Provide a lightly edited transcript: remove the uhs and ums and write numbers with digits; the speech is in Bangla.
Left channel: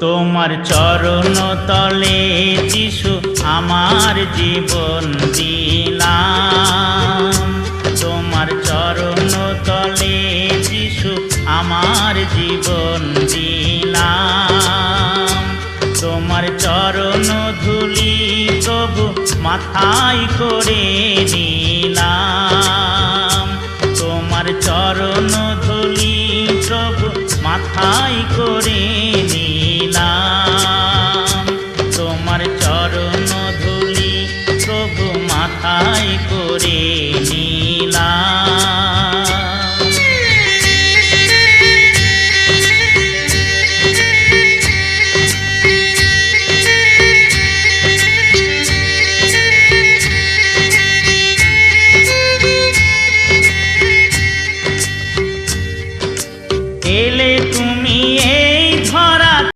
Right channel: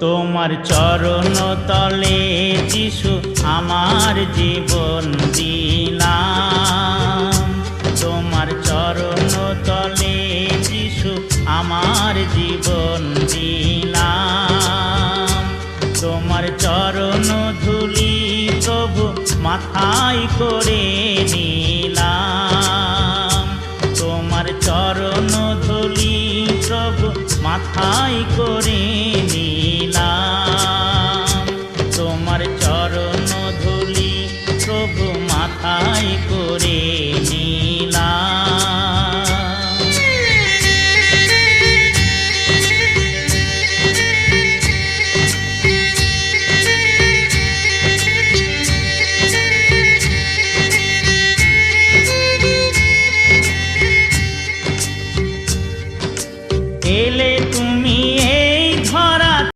তোমার চরণ তলে যিশু আমার জীবন দিলাম। তোমার চরণ তলে যিশু আমার জীবন দিলাম। তোমার চরণ ধুলি প্রভু মাথায় করে নিলাম। তোমার চরণ ধুলি প্রভু মাথায় করে নিলাম। তোমার চরণ ধুলি প্রভু মাথায় করে নিলাম।